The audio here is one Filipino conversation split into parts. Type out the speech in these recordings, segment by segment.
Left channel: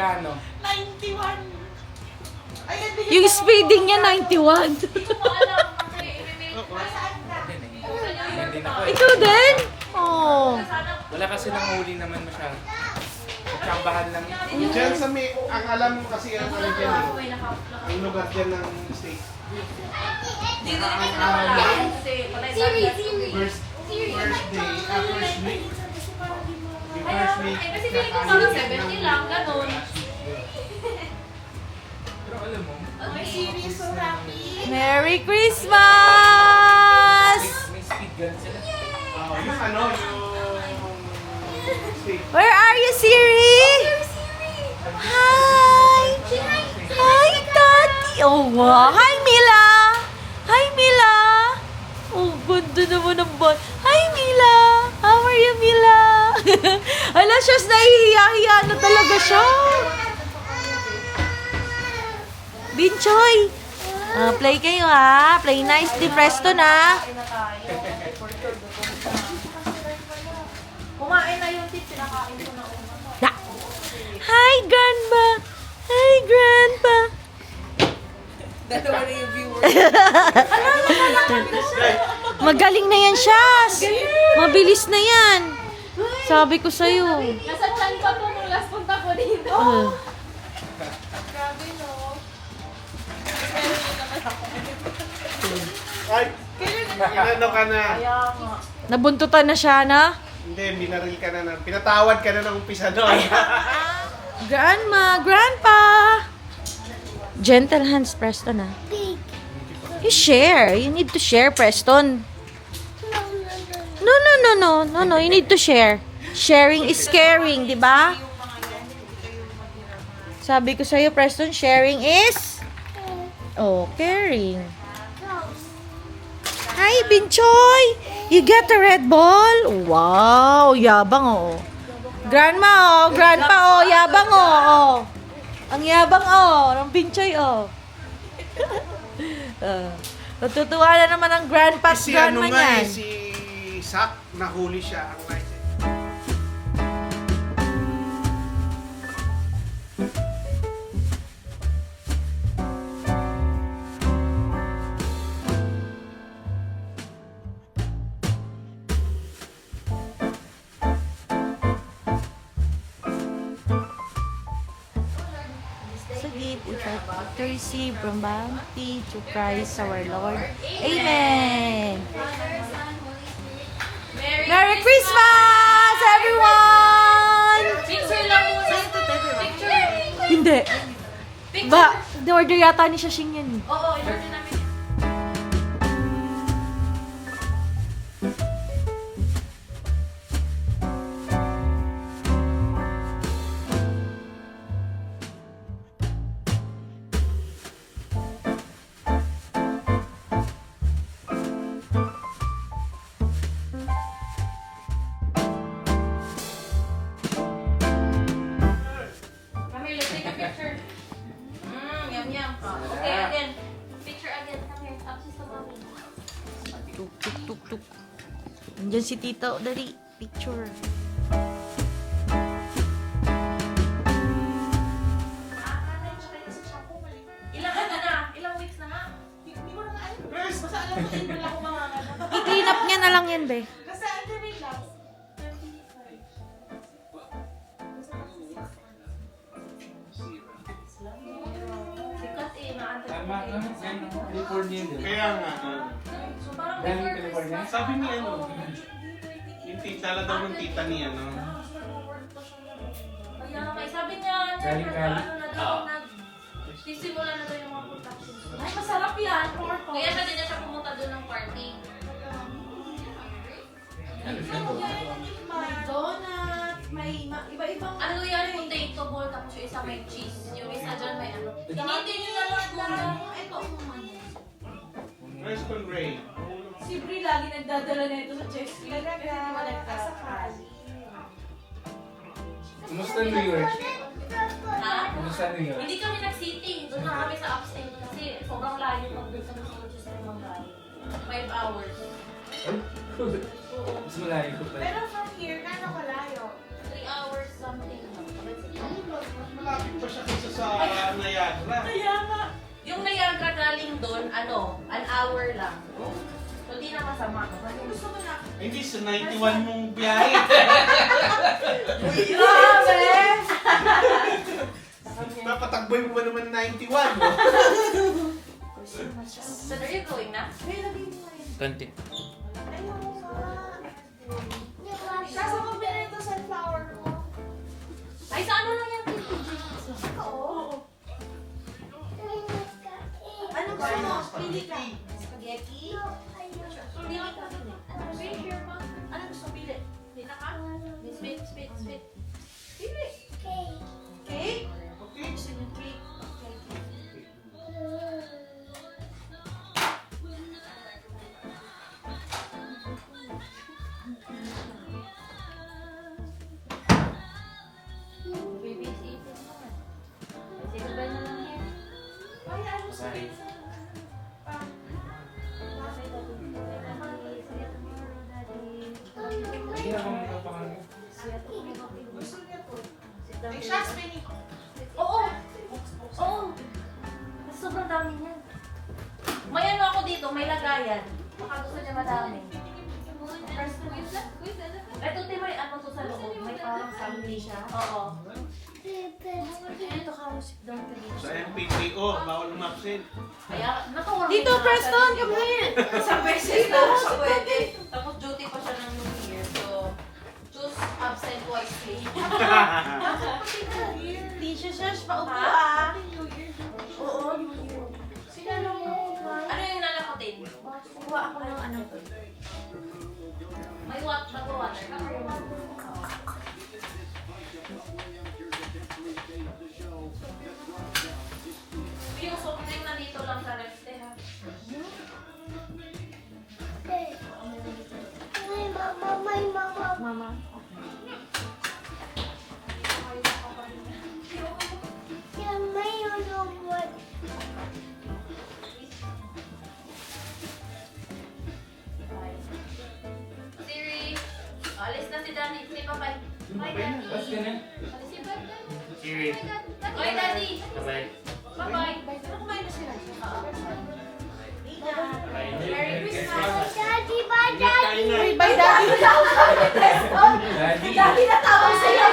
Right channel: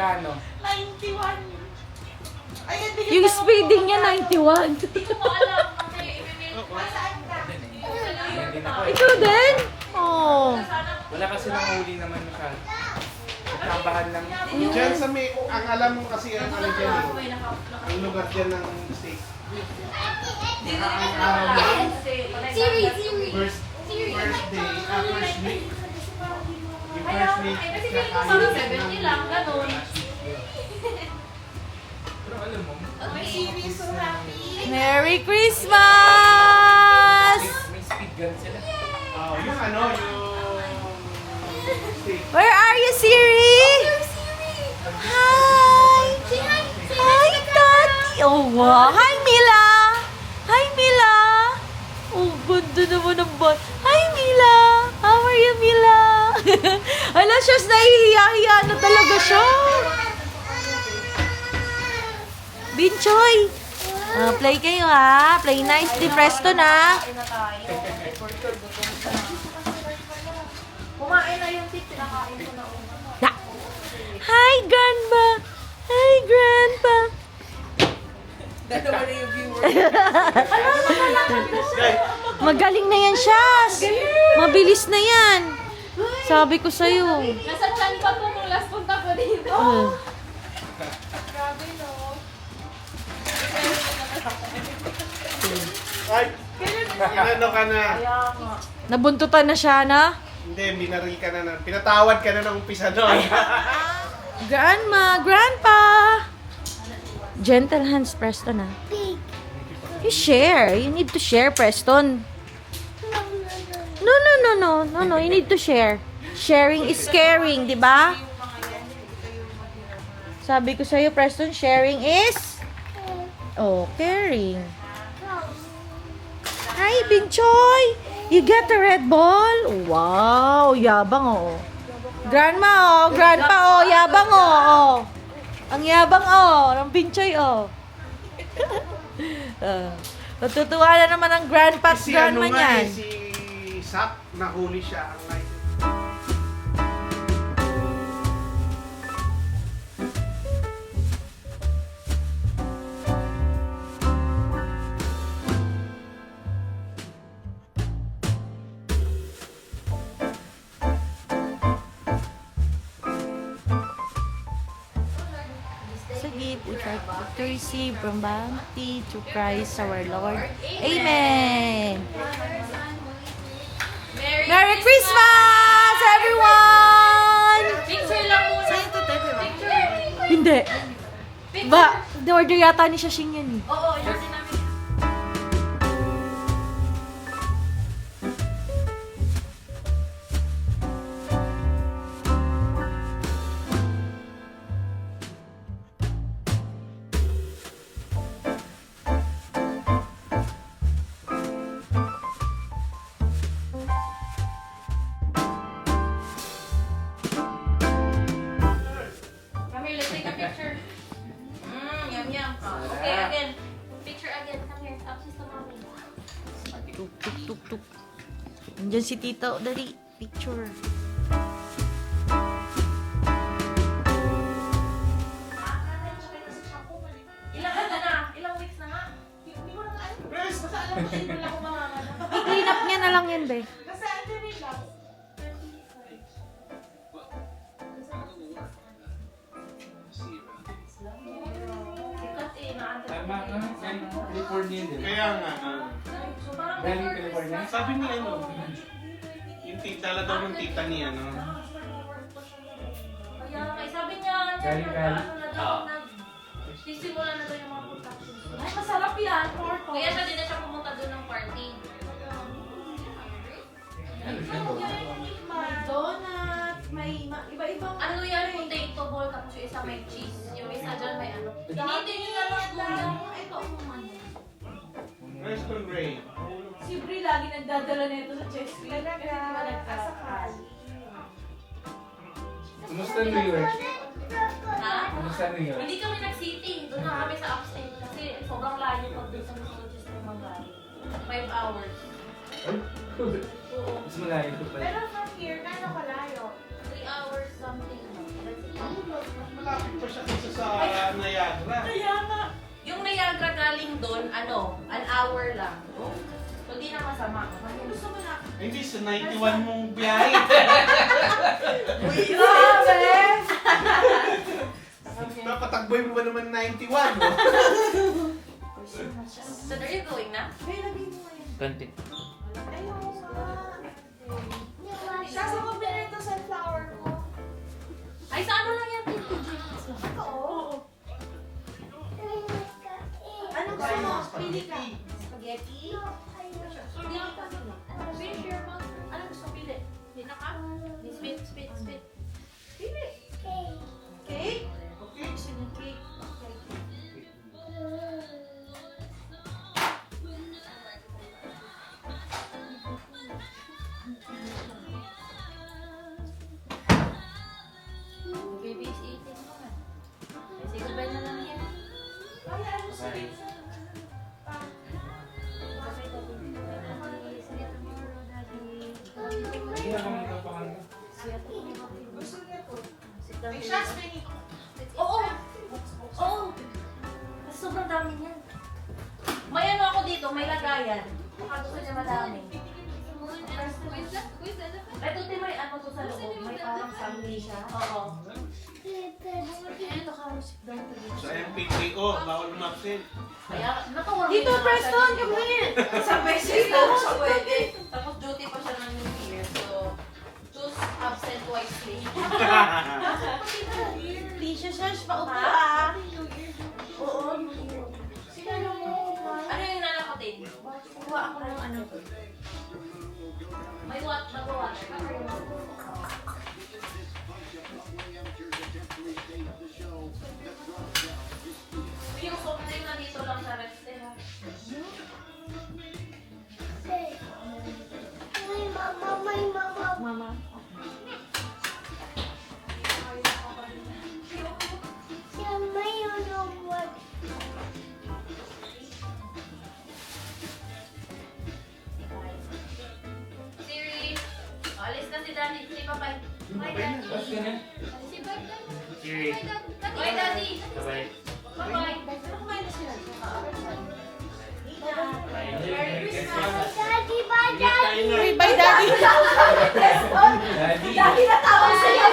Magkano? 91. Ayan, Yung speeding niya, 91. Hindi ko alam kasi i-mail ko. Saan ka? Hindi na po. Ikaw din? Oh. Wala kasi nang huli naman masyado. Nagkambahan lang. Diyan sa may, ang alam mo kasi ang ano dyan eh. Ang lugar dyan ng state. Siri. First day, first week. Yung first week, Kasi feeling ko parang 70 lang, ganun. Pero alam mo, May series, so happy. Merry Christmas! may speed gun sila. yung ano, yung state. Where are you, Siri? Hi! Hi, Tati! Oh, wow! Hi, Mila! Hi, Mila! Oh, ganda naman ang bot. Hi, Mila! How are you, Mila? Ala, siya, nahihiya-hiya na talaga siya. Binchoy! Play kayo, ha? Play nicely, Presto na. Kumain na yung tip, sinakain ko na una. Na. Hi, Grandma! Hi, Grandpa! Dalawa na yung viewers. Magaling na yan, Shas! Mabilis na yan! Sabi ko sa'yo. Nasa chan pa po nung last punta ko dito. Grabe, no? Ay, inano ka na. Nabuntutan na siya, na? Hindi, binaril ka na. Pinatawad ka na ng umpisa doon. Grandma! Grandpa! Gentle hands, Preston, ha? You share. You need to share, Preston. No. You need to share. Sharing is caring, di ba? Sabi ko sa'yo, Preston, sharing is... Oh, caring. Hi, Binchoy! You get the red ball? Wow, yabang, oh. Grandma, oh. Grandpa, oh. Yabang, oh. Ang yabang, oh. Ng Binchoy, oh. Natutuwa na naman ang grandpa at Si grandma ano nga niyan. si Sak, nahuli siya. Ang license. To give which are to receive from bounty to Christ our Lord. Amen. Merry Christmas, everyone! Picture lang muna. Picture. Hindi. Ba, order yata ni Shashing yan eh. Oo, in-order namin yan. Kami, let's take a picture. Yum. Okay, again. Picture again. Come here. Absence to mommy. Tuk. Nandiyan si Tito. Dali, picture. Ilang ano na? Ilang weeks na nga? Hindi ko na alam. Basta alam ko din wala akong mamamama. Clean up niya na lang yan, be. Basta ano rin lang. Sikat eh, naantay. Tama ka. Yan, California din. Kaya nga, So parang Galing California? sabi ni ano, yung tita daw ng tita niya, no? Kaya nga, sabi niya, Galing Cali. ano na daw, sisimula na daw yung mga production. Ay, masarap yan, porto. Kaya siya din na siya pumunta doon ng party. May donuts, may iba-ibang... Ano yan, potato ball, tapos yung isa may cheese. Yung isa dyan may ano. Hinitin nyo na lang doon. Ito ang naman. Where's Con Ray? Si Brie lagi nagdadala nito sa chest cream. Kasi di ba nagkasakali. Kumusta New York? Ha? Kumusta New York? Hindi kami nag-city. Doon na kami sa upstate. Kasi sobrang layo pag doon sa Massachusetts ng Mangay. 5 hours. Ay, mas malayo ko pala. Pero from here, gano'n kalayo? 3 hours something. Mas malapit doon, an hour lang. So, di na masama. Gusto mo na. Hindi, sa 91 mong biyahe. Grabe! Napatakboy mo ba naman 91? No? So, are you going na? Content. Siya sa pabili ito sunflower ko. Ay, sa ano lang yan? Oo. Ano gusto mo? Pili ka. Spaghetti? Pili ka. Ano gusto mo pili? Pili ka? Sweet. Pili. Cake? Okay. Gusto niyo cake? Baby is eating naman. Say goodbye na lang here. Bye. Say daddy. See you tomorrow, daddy. Hindi na kami kapakan mo. See you tomorrow. Gusto niya to. Sit down May here. shots, Benny. Oo! Oo! Kasi sobrang dami niyan. May ano ako dito, may lagayan. Baka gusto niya madami. Ito din may ano to sa loob. May parang family siya. Oo. Ito ka, sit down ka dito. Sa MPTO, bawal umabsent. Kaya, nakawan Dito, Preston, come here. Isang beses lang siya pwede. Tapos duty pa siya ng New Year. So, choose absent wisely. Tisha, Shash, paupo Ha? ah. Oo. Ano yung nalakatin? Kuha ako ng ano. May nagwa-water. Yung soft drink nandito lang sa rest eh. Ha? Mama. Siri, alis na si Daddy. Si Papay. Bye, Daddy. Tapos ganun. Si Daddy. Siri. Bye, Daddy. Bye. Bye-bye. Pero kumain na sila. Bye. Merry Christmas. Bye, Daddy. Daddy. Daddy na tawag sa'yo.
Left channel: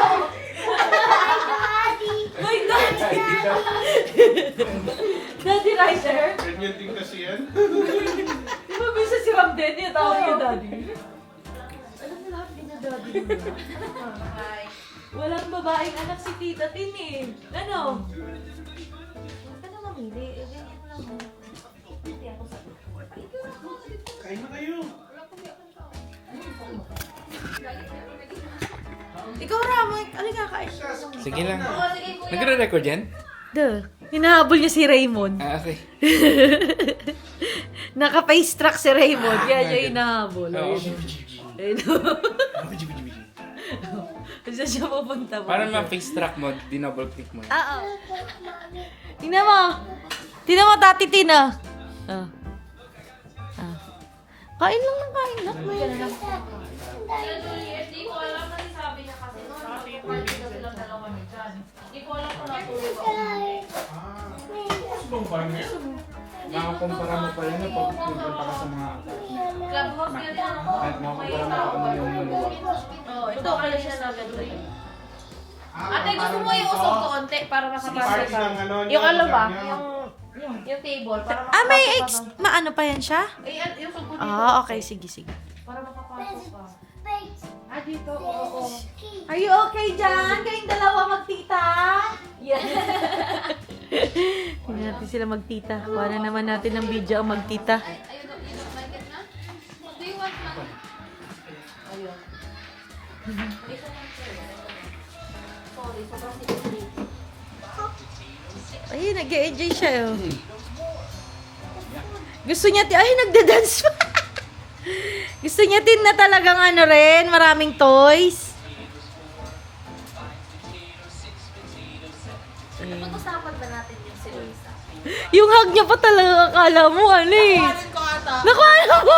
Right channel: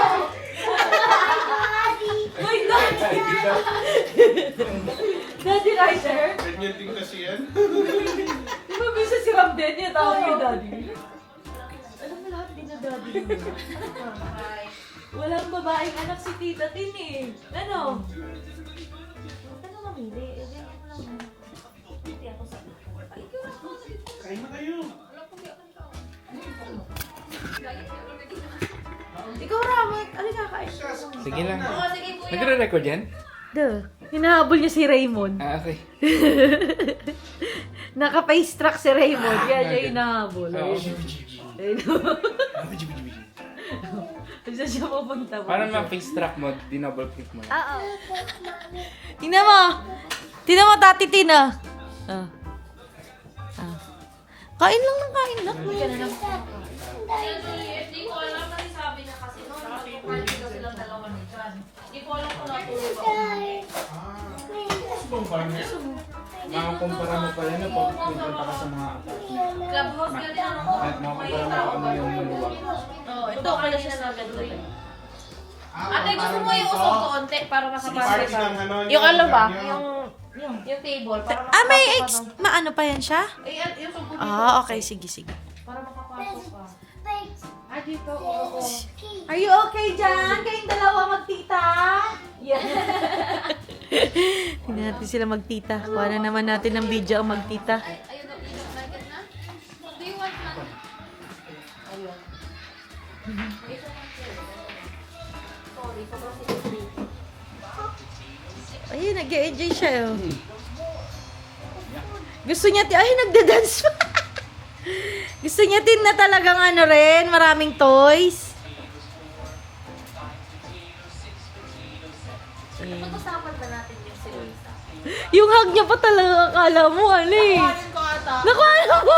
My Daddy. Daddy Rider. Ganyan din kasi yan. Di ba bisa si Ramden yung tawag yung Daddy? Alam mo lahat din na Daddy. Bye. Walang babaeng anak si Tita Tin eh. Ano? Huwag ka na mamili. Ganyan mo lang. Hindi ako sa... Kain na kayo. Ikaw, Ramon. Ano nga kain? Sige lang. Oo, sige kuya. Nagre-record yan? Duh. Hinahabol niya si Raymond. Ah, okay. Naka-face track si Raymond. Kaya siya hinahabol. Oo. Ayun. Saan siya pupunta? Para ma-face track mo, dinouble click mo. Tina mo. Tina mo, Tati Tina. Ah. Kain lang ng kain lang. Kaya Juliet, di ko alam kasi sabi niya kasi party daw silang dalawa ni John. Di ko alam kung natulog ako. Subang partner. Makakumpara mo pa yan pag pupunta ka sa mga Clubhouse ka rin ako. at May makakumpara mo tao kung ba? ano yung Oo, ito pala siya na gagawin. Ate, gusto mo yung usog ko onte para makapasok Party ka? ng ano, Yung ano ba? yung- Yung table, para Ah, may makapasok ka. maano pa yan siya? Eh, yung usog ko dito. Ah, okay. Sige, sige. Para makapasok ka. Ah, dito, oo. Are you okay dyan? Kayong dalawa magtita? Yeah. Hindi natin sila magtita. Kuha na naman natin ng video ang magtita. Ayun, like it na? Do you want na? Ayun. Isa lang siya. Sorry, sobrang sikip. Ay, nag-enjoy siya. Oh. Gusto niya, ay, nagda-dance pa. Gusto niya din na talagang ano rin, maraming toys. Pag-usapan ba natin yung si Luisa? Yung hug niya pa talaga akala mo, ano eh. Kuhanin ko ata. Nakuha mo.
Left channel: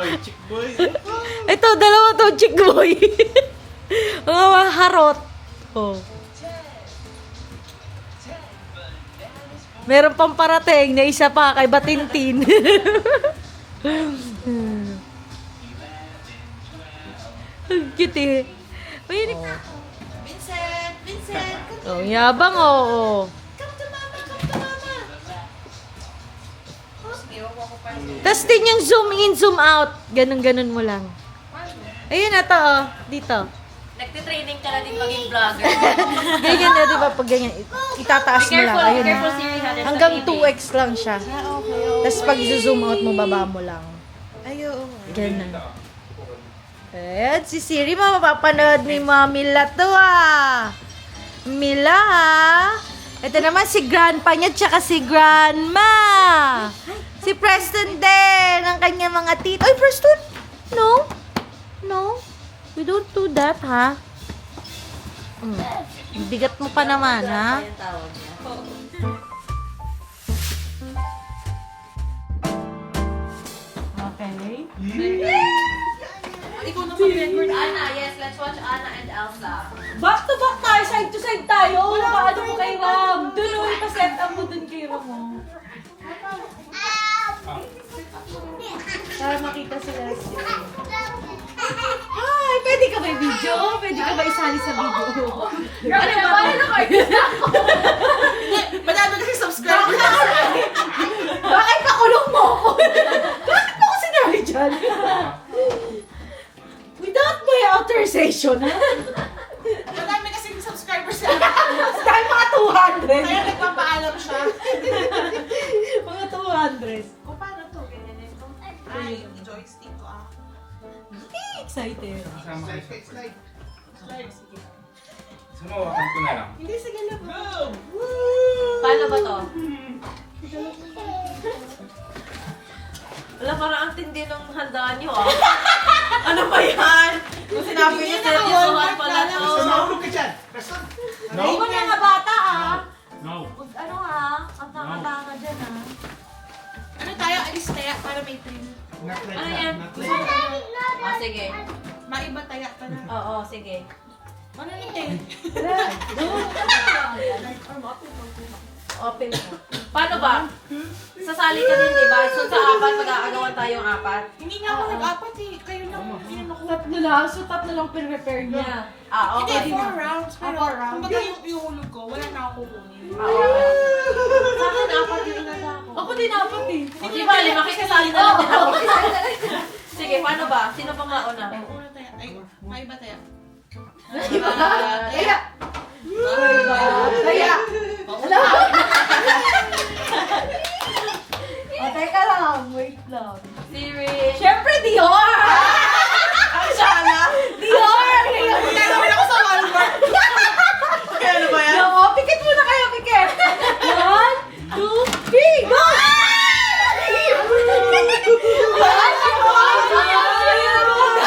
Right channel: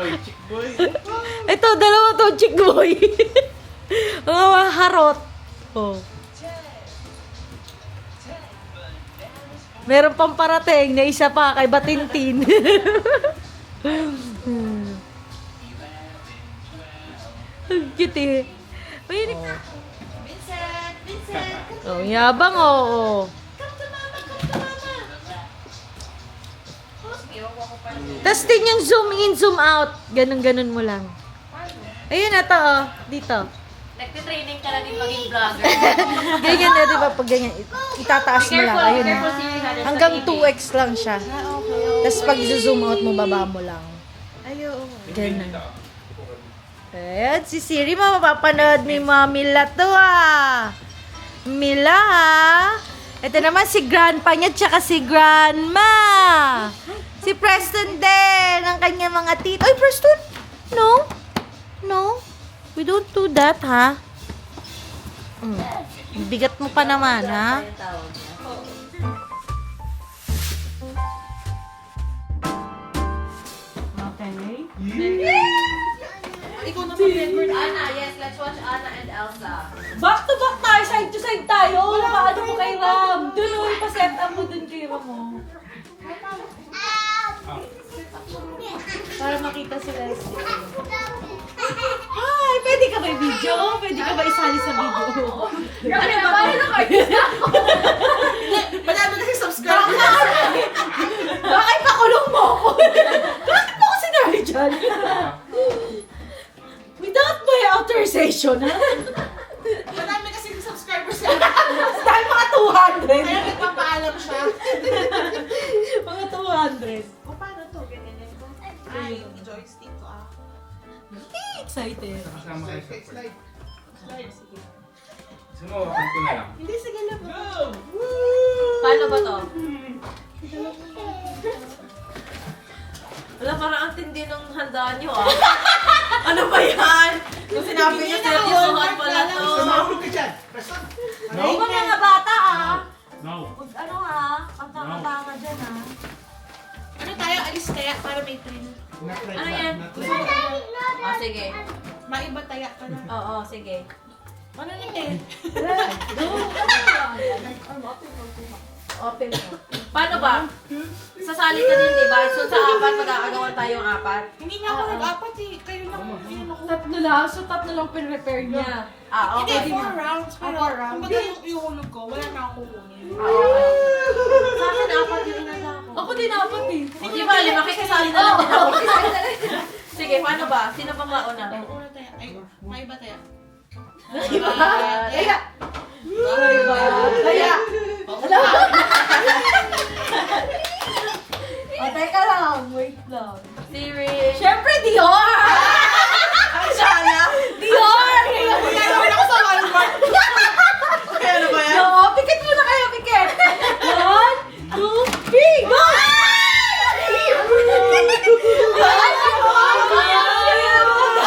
Oy, chick boy. Ito, dalawa to, chick boy. Mga harot. Oh. Meron pang parating na isa pa kay Batintin. Ang cute eh. Mahilig. Vincent! Vincent! Oh, yabang oo. Tapos din yung zoom in, zoom out. Ganun-ganun mo lang. Ayun na to, oh. Dito. Nagtitraining ka na din maging vlogger. Ganyan na, di ba? Pag ganyan, itataas mo lang. Ayun na. Hanggang 2x lang siya. Tapos pag zoom out mo, baba mo lang. Ganun. Ayan, si Siri, mapapanood ni Mami Mila to ah. Mila ha. Ito naman si grandpa niya tsaka si grandma. Si Preston din, ang kanya mga tito. Ay, Preston! No? No? We don't do that, ha? Bigat mo pa naman, ha? Ikaw na mag-record. Anna, yes, let's watch Anna and Elsa. Back to back tayo, side to side tayo. Paano mo kay Ram? Doon, pa-set up mo dun kay Ram, oh. Para makita sila. Ay, pwede ka ba i-video? Pwede ka ba isali sa video? Ano ba? Paano na kayo? Manalo na si subscribe. Bakit pakulong mo ako? Bakit mo ako sinabi dyan? Without my authorization, ha? Madami kasi yung subscribers niya. Dahil mga 200. Kaya nagpapaalam siya. Mga 200. O paano to? Ganyan na ito. Ay, joystick ko ah. Excited. Kasama kayo sa Slide. Slide, sige. Sumawakan ko na lang. Hindi, sige lang. Paano ba to? Wala, parang ang tindi ng handaan nyo ah. Ano ba yan? Kung sinabi niyo sa susuhan pala to. Sumahulog ka dyan. Preston. Ay, mga bata, ah. No. Huwag ano, ha? Ang baka dyan, ha? Ano tayo? Alis tayo para may thrill. Not like Ano that. yan? Not Gusto like mo that. na Ah, sige. Maiba tayo ka na. Oo, sige. Ano nito? Open mo. Paano ba? Sasali ka din, di ba? So sa apat, mag-aagawan tayong apat. Hindi nga ako nag-apat eh. Kayo lang. Hindi naman ako. Tatlo lang. So, tatlo lang pin-repair niya. Ah, Hindi, okay. 4 rounds. Pero, 4 rounds. kumbaga yung ihulog ko, wala na ako kukunin. Ah, okay. Sa akin, apat din na ako. Ako din apat, eh. O, di ba, lima makikasali na lang din ako. Sige, paano ba? Sino pa mauna? Una tayo. Ay, maiba tayo. Kaya! Kaya! O, teka lang. Wait lang. Siri. Siyempre, Dior! Ay, sana! Dior! Kaya naman ako sa Walmart. Kaya ano ba yan? Oo, pikit muna kayo, pikit. 1, 2, 3, go!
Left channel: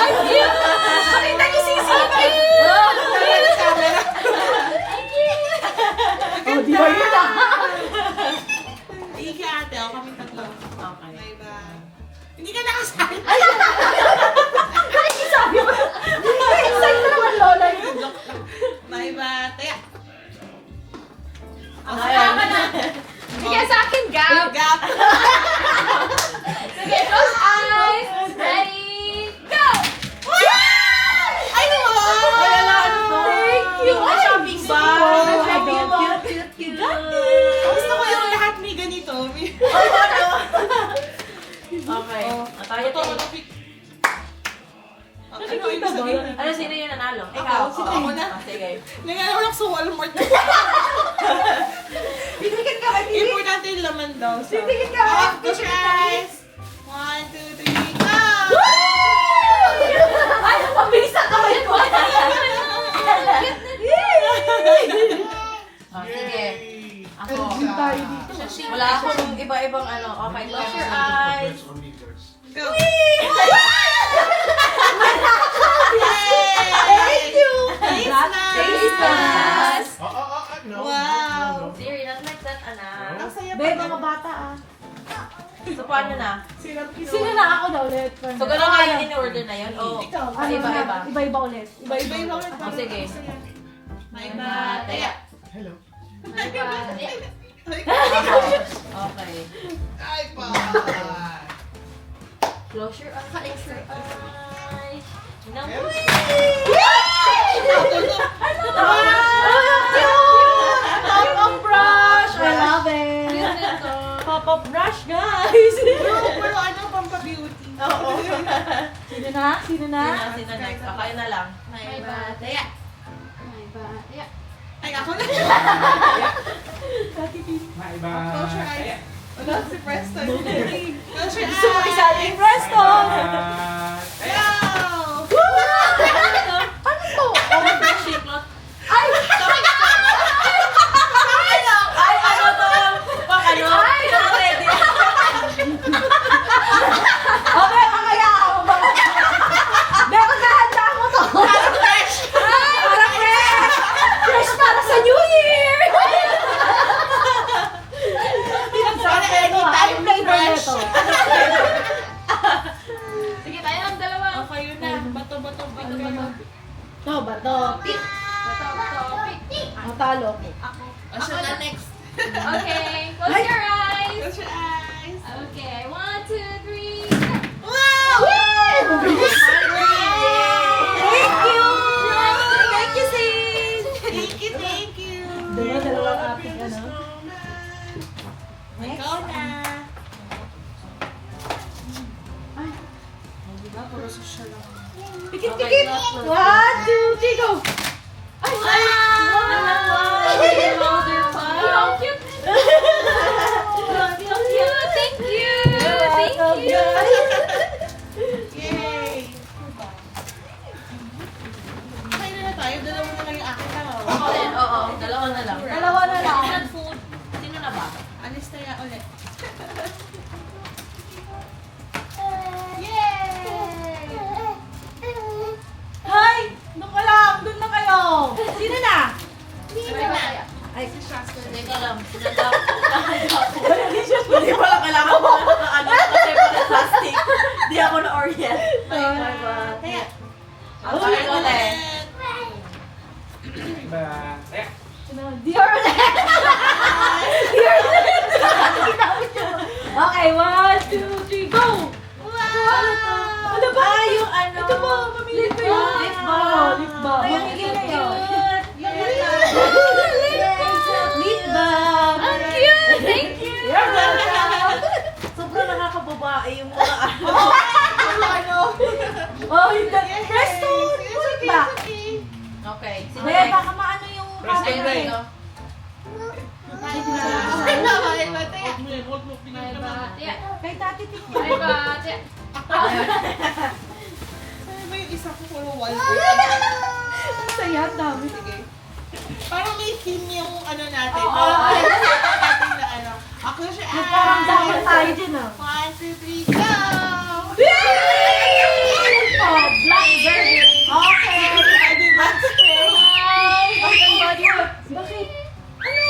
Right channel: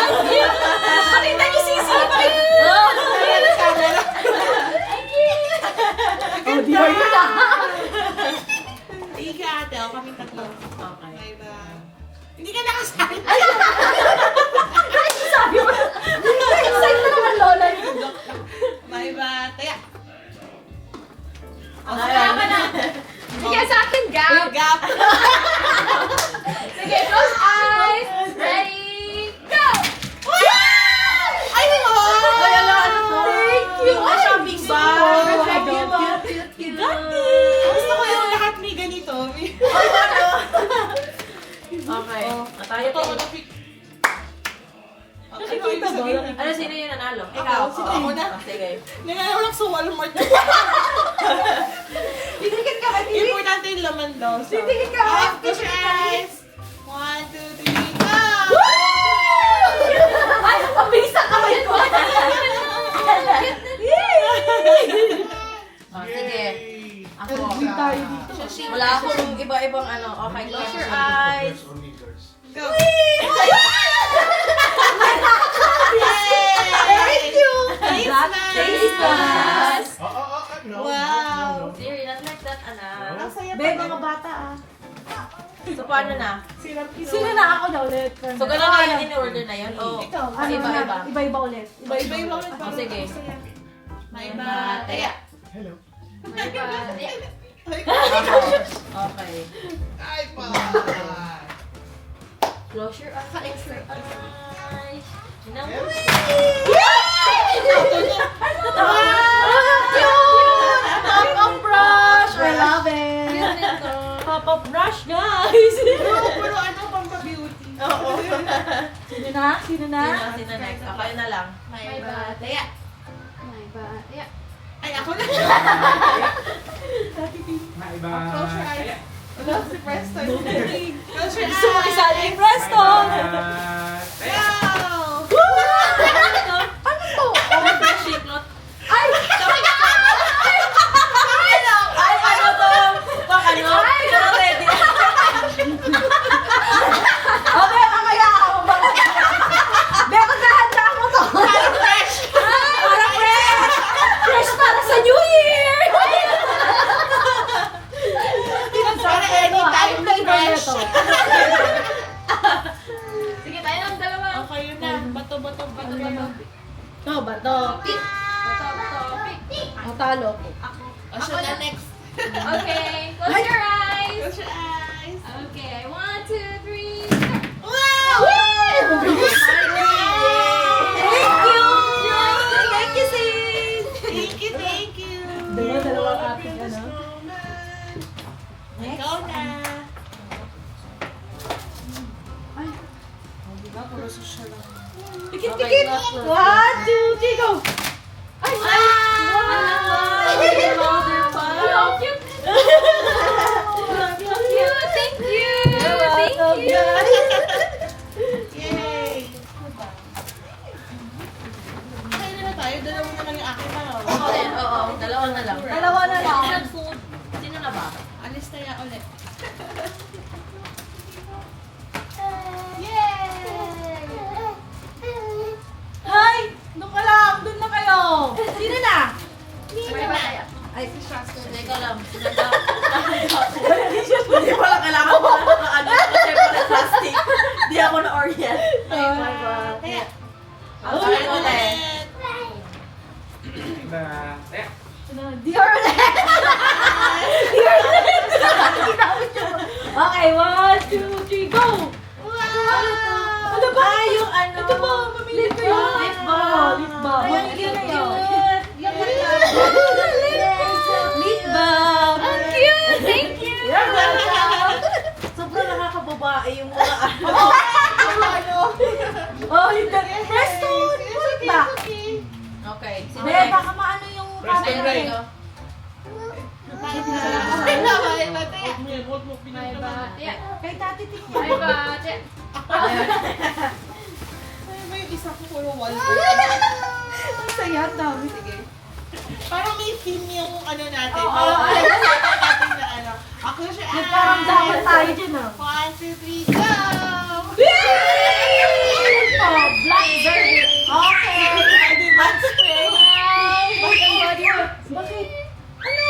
Pakita niyo si Sisi! Oh, Dior yun ah! Ika ate, o kami tatlo. Okay. Maiba. Hindi ka nakasali. Sabi mo, excited na naman lola niyo. Maiba tayo. Tama na. Sige, sa akin, gap! Gap. Sige, close eyes. Ready, go! Ay, wow! Wala na ano to. Thank you. Yung shopping bag. Cute. Gusto ko yung lahat may ganito. Okay. Tayo Ito, to. napik. Nakikita ba? Ano, sino yung nanalo? Ikaw. Ako na. Sige. Nangyayawal ako sa Walmart. Titikit ka ba? Importante yung laman daw. So. Titikit ka ba? Off, close your eyes. 1, 2, 3, go! Ay, pabilis ang kamay ko! Sige. Ako. Tayo Wala akong iba-ibang ano. Okay, close your eyes. Go! Thank you! Face mask! Face mask. No. Wow. No. Siri, not like that, anak. Ang saya Be, pa. mga bata ah. So, paano na? Sino na ako na ulit? So, gano'n na yung in-order na yun? O, Ikaw. Ano iba-iba. na? Iba-iba ulit. Iba-iba yung ulit. Oh, sige. Maiba tayo. Hello. Iba. Okay. Ay, pa. Close your eyes. Close your eyes. Meron. Pop-up brush! I love it! Cute nito. Pop-up brush, guys! Pero ano, pampa-beauty. Oo. Sino na? Sino na? Sino next? Okay na lang. May batya. May batya. Ay, ako na. Maiba. Close your eyes. Wala, si Preston. Close your Gusto mo eyes. isali yung Preston! Wow! Ano to? Shiplot. Ay! Ay, ano to? Pang ano? Ready. Okay, mamaya ako ba? Be, maghahanda ako to! Parang fresh! Parang fresh! Fresh para sa New Year! Para anytime fresh. Sige, tayo ng dalawa. Okay, yun na. Bato. Ito ba to? Pick. Bato. Pick. Ang talo. O, siya na next. Okay, close your eyes. Close your eyes. Okay, 1, 2, 3. Wow! Thank you! Thank you, sis! Thank you. Dalawang ating ano. Ikaw na. Pikit, Okay, pikit! close, close. 1, 2, 3, go! Ay! Wow, cute. Thank you. Thank you. Yay! Kaya na tayo. Dalawa naman yung akin na. Oo, dalawa na lang. Dalawa na lang. Favorite food. Sino na ba? Alis tayo ulit. Hi! Doon ka lang! Doon na kayo! Sino na? Ay, teka lang. Hindi pala kailangan mo na nakaano kasi pala plastic. Hindi ako na orient. Kaya, Okay, ulit. Maiba. Dear Okay, 1, 2, 3, go! Ano ba? Yung ano? Ito ba? Mamili ko yun. Lip balm. Lip balm. Mamili ko yun. Lip balm. Ang cute. Thank you. Sobrang nakakababae yung mga ano. Oh, yung Preston! Ulit ba? Okay. Sino Be, next? baka maano yung Preston, camera eh. Ito. May batya. Kay Tati Tik. May batya. Ano ba yung isa ko puro wall? Ang saya, ang dami. Sige. Parang may theme yung ano natin. Oo. Ay, natin na ano. Ako siya. Nagkaramdaman tayo dyan ah. 1, 2, 3, go! Oh, blackberry. Okay. Diba? Bakit ang body mo? Bakit? Ano?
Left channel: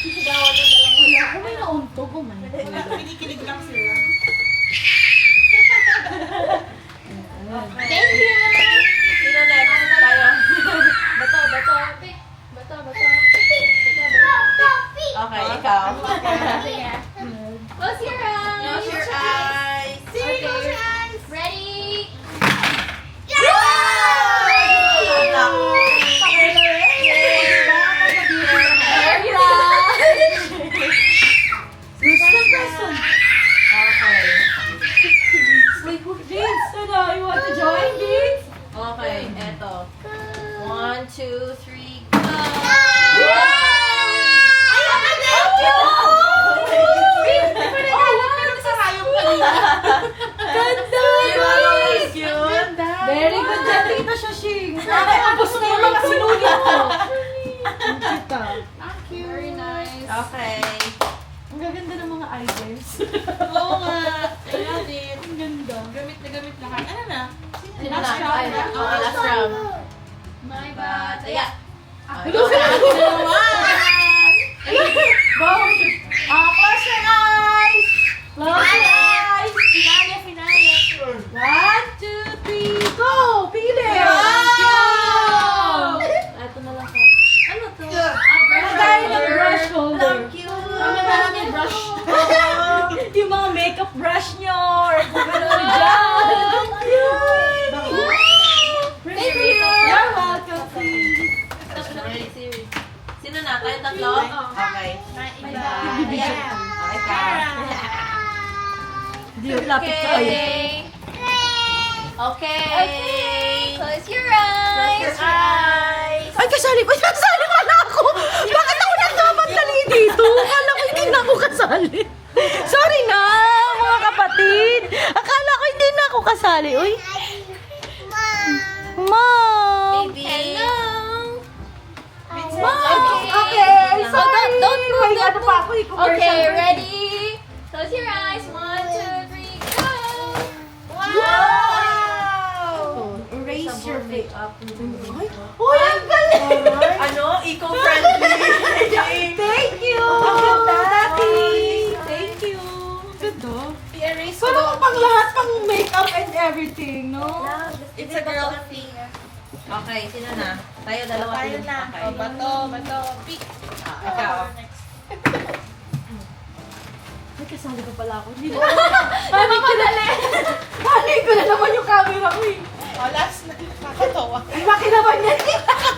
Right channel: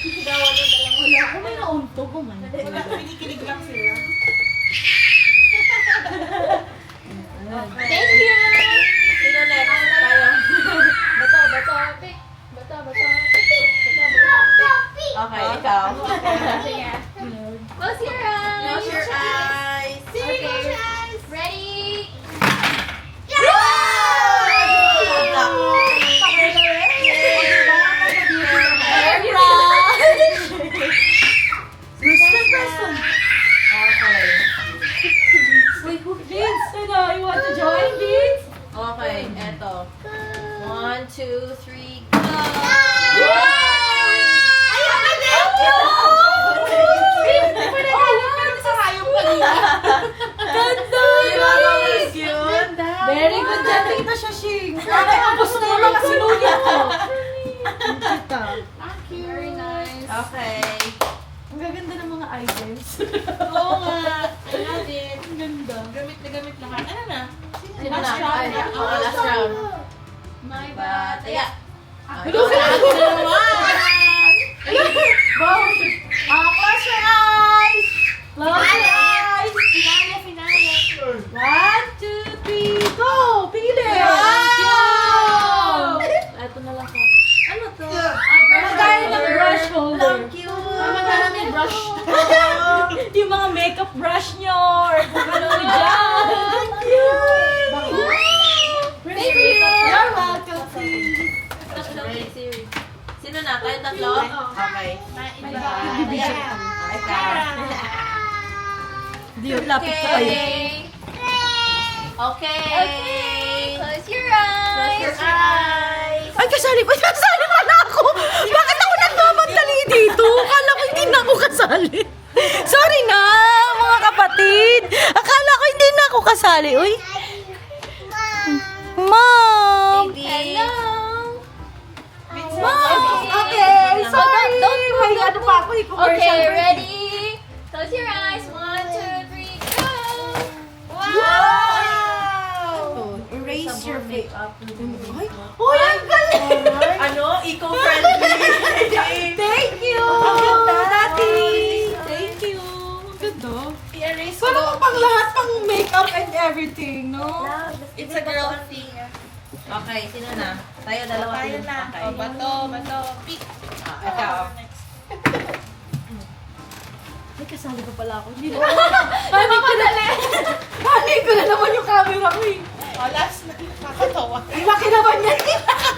Sisigawan na dalang wala. Kung may nauntog ko man. Wala, kinikilig lang sila. Thank you. Sino next? Tayo. Pick. Bato. Pick. Okay, ikaw. Sige. Close your eyes. Close your eyes. Okay. Ready? Okay. Wait, Vince, ano? You want to join, Vince? Okay, eto. 1, 2, 3, go! Ganda! Yes! Cute! Very good job, Tita Shashing. Tapos na yung mga sinulit ko. Ang kita. Very nice. Okay. Ang gaganda ng mga items. Oo nga. I love it. Ang ganda. Gamit na gamit lahat. Ano na? Sino na? Last round Ay, na. oo, last round. May Bataya. batya. Hello, Sa akin na naman. Close your eyes! Close your eyes! Finale. 1, 2, 3, go! Pili! Ito na lang ko. Ano to? Magkaya ng brush holder. Cute! toothbrush nyo or kung ano dyan. Thank you. You're welcome. Sino na? Tayo tatlo? Okay. Okay ka. Hindi yung lapit ka kayo. Okay. Close your eyes. Ay, kasali pa. Kasali pala ako. Bakit ako nagmamantali dito? Akala ko hindi na ako kasali. Sorry na, mga kapatid. Akala ko hindi na ako kasali. Uy. Mom. Baby. Hello. Okay. So don't move. Ano pa ako? Okay, ready? Close your eyes. 1, 2, 3, go. Wow! Erase your makeup. Uy, ang galing! Ano? Eco-friendly. Thank you! Ang ganda, Nati! Thank you! Ganda. I-erase Pero pang lahat ng makeup and everything, no? It's a girl thing. Okay, sino na? Tayo, dalawa. Tayo na. Okay. Oh, bato. Pick. Ikaw. Ay, kasali pa pala ako. Hindi Nagmamadali. Balik ko na naman yung camera ko eh. Oh, last na. Nakakatawa. Ang laki naman yan.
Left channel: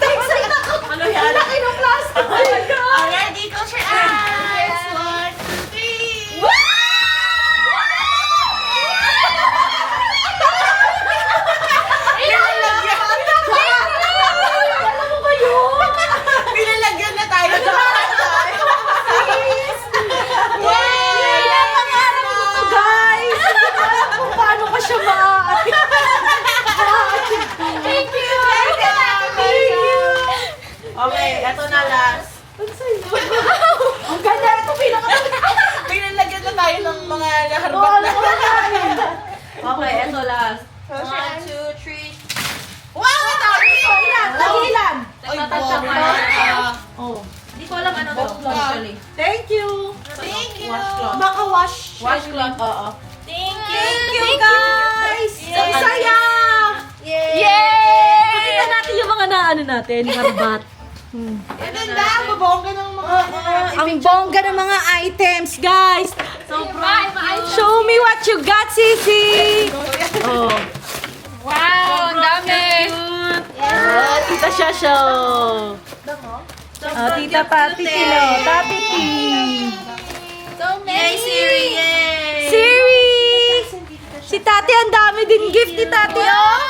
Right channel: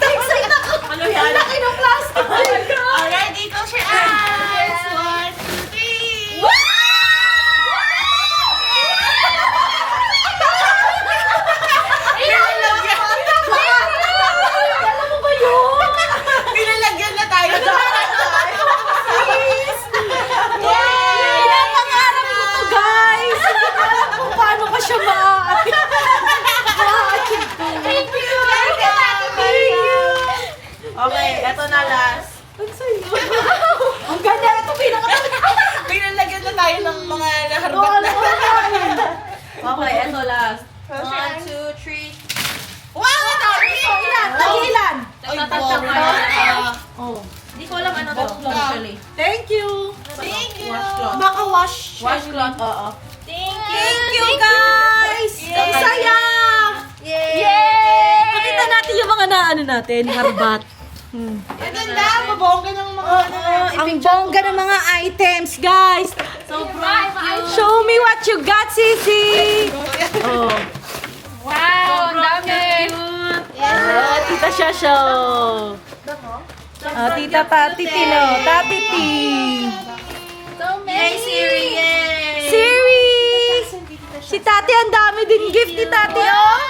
Excited ako. Ano yan? Ang laki ng plastic. Oh my God. Already, close your eyes. 1, 2, 3. Pinalagyan na tayo. Guys, kung paano ka siya Thank you. Okay, eto na last. Ang ganda, ito Pinalagyan na tayo ng mga naharbat na. Okay, eto last. 1, 2, 3. Wow! Dami! Tagilan. Tatatap boring. ka. Hindi ko alam ano to. Actually. Thank you. Thank you. Washcloth. Baka wash. Washcloth, oo. Thank you, guys. Ang saya. Yay! Pakita natin yung mga naano natin, harbat. Ang ganda. Mabongga ng mga Ang bongga ng mga items, guys. Bye. Show me what you got, Sisi. Oh. Wow, ang dami. Oh, Tita Shasho. Oh, Tita Tati Tilo. Tati T. So many. Yay, Siri! Yay! Siri! Si Tati, ang dami din gift ni Tati, oh.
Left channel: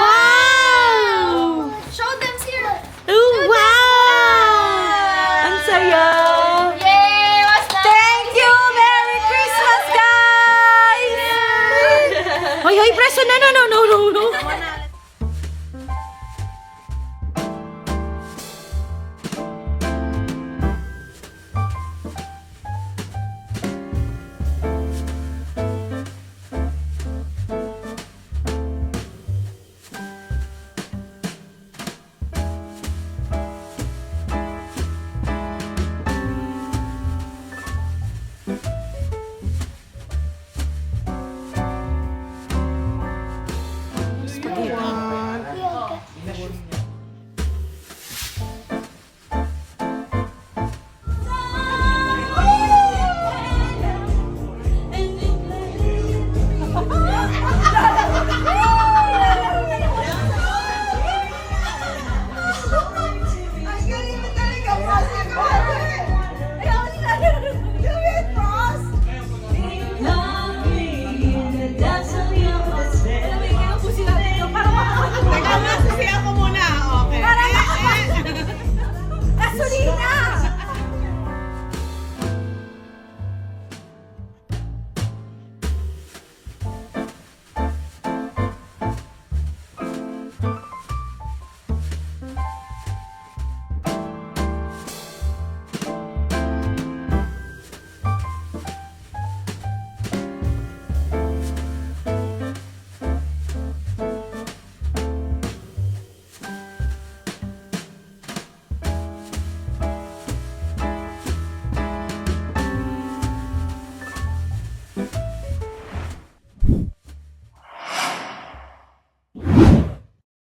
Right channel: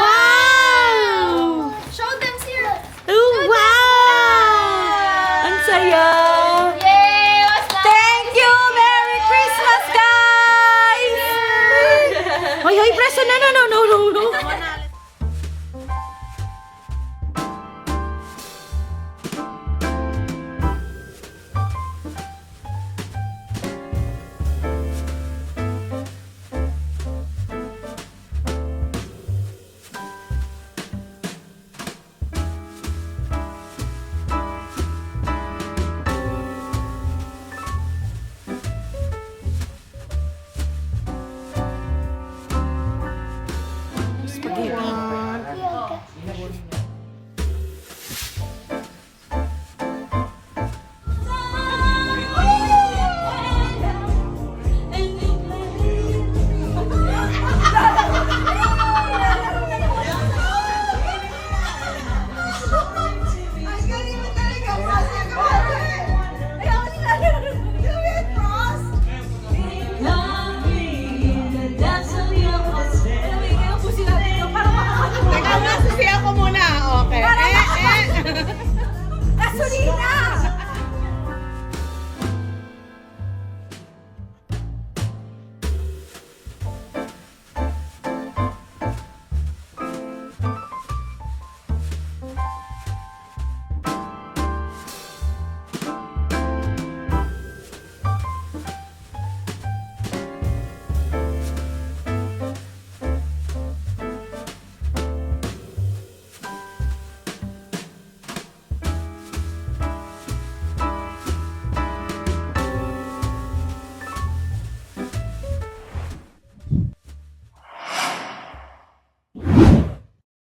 Wow! Show them, Siri. Oh, wow! Ang saya. Yay! What's that? Thank you! Merry Christmas, guys! Hoy, preso na